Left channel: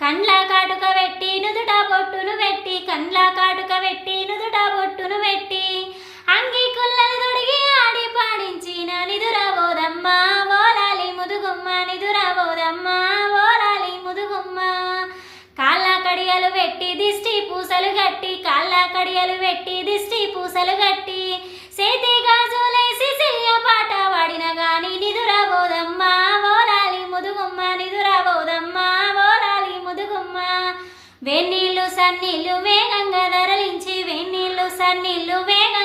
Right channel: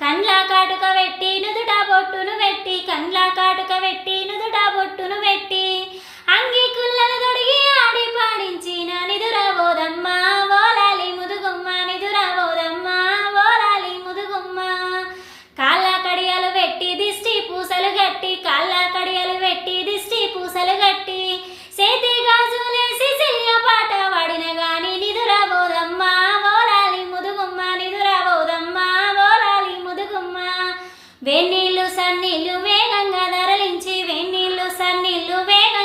కండ్ల కాటుక పెట్టి నుదుట బొట్టును పెట్టి కండ్ల కాటుక పెట్టి నుదుట బొట్టును పెట్టి అంగి కుళ్ళను తొడిగి ఆడి పాడించిన నిదురబోదమ్మ ఓలాలి ముదుగుమ్మ నిదురబోదమ్మ ఓలాలి ముదుగుమ్మ కాళ్ళ కడియలు పెట్టి దిష్టి పూసలు గట్టి కాళ్ళ కడియలు పెట్టి దిష్టి పూసలు గట్టి సేతి గాజులేసి సియ్య పాట వాడిన గాని నిదురబోదమ్మ ఓలాలి ముదుగుమ్మ నిదురబోదమ్మ ఓలాలి ముదుగుమ్మ వెన్నీళ్ళు సన్నీళ్ళు వేగంగా ధరలించి వెన్నీళ్ళు సన్నీళ్ళు వేగ